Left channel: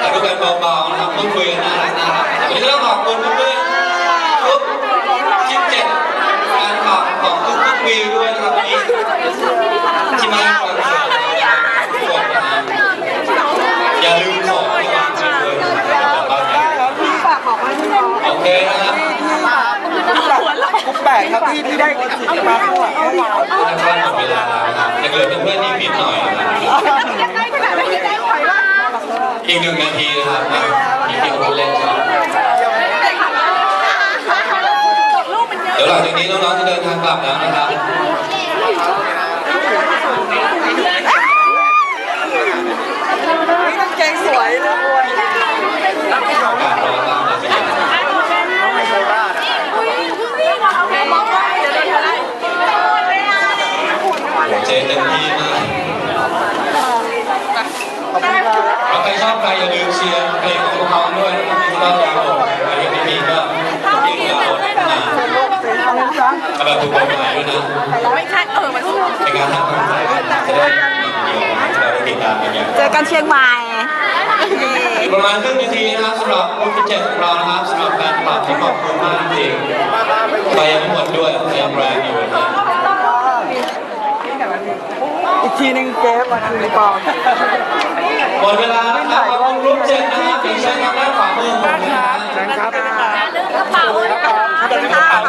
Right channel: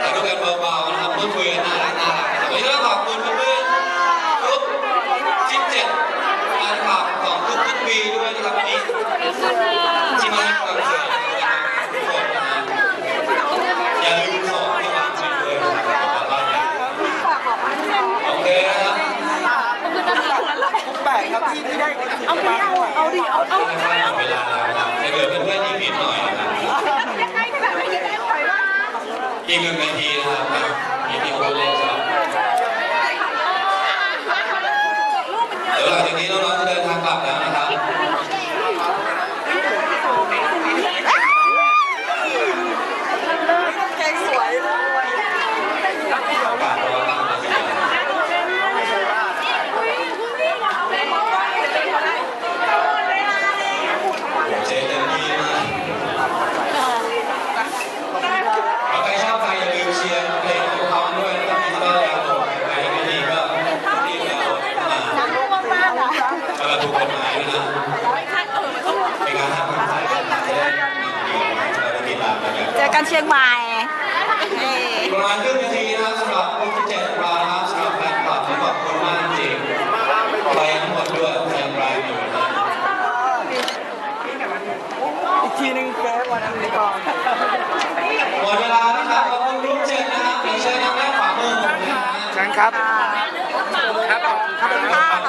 แต่ก็เป็นเบาๆนะครับพูดคุยกันน่ารักน่ารับวันนี้ต้องขอบคุณเพื่อนๆทุกชิดเจ็ดการฝากของทุกๆปีด้วยนะครับที่ที่มาคอนเสิร์ตทุกคนนะครับอย่าลืมของที่วางจริงด้วยนะครับบ้านนี้โอเคนะครับ แปลก ครับที่ที่ได้เอาไปเอาเอาดิเอาเอาถ้าหมดเวลานะครับยังเหลือเพื่อนๆที่ผิดหน่อยนะครับยังไงขนาดไม่ยังไงไหววะอีกหนึ่งนาทีนะครับมาอีกที่คนเล่นครับเดี๋ยวหลังจากนี้น้องๆจะเดินทางกลับแล้วนะครับ เก่งสวยเลย โอกาสรอตั้งเลยสิครับเจเต็มที่มากเอาใครชอบใครอย่าลืมเชียร์เพลงของพวกเขาด้วยนะครับก็อย่าโหลดใครยังไม่มีก็รีบดาวน์โหลดมา สำหรับถูกกฎหมายด้วยนะไม่ใช่เออมันต้องในการห้ามทำอะไรจะได้เราไปติดตามกันอย่างเจอกันเชียงใหม่เย้ประมาณครึ่งนาทีนะครับสำหรับคนที่เจ็ดของเรานะครับสำหรับแฟนคลับที่ขอบคุณมากจริงๆไปยังหมดด้วยยังแรงอยู่นะอีกทีนึงเจ๊วันนี้ปองหมดเวลานะครับขอบคุณรุ่นเจ็ดนะครับเดี๋ยวเชิญทางด้านขวามือของผมนะฮะครับขอบคุณค่ะ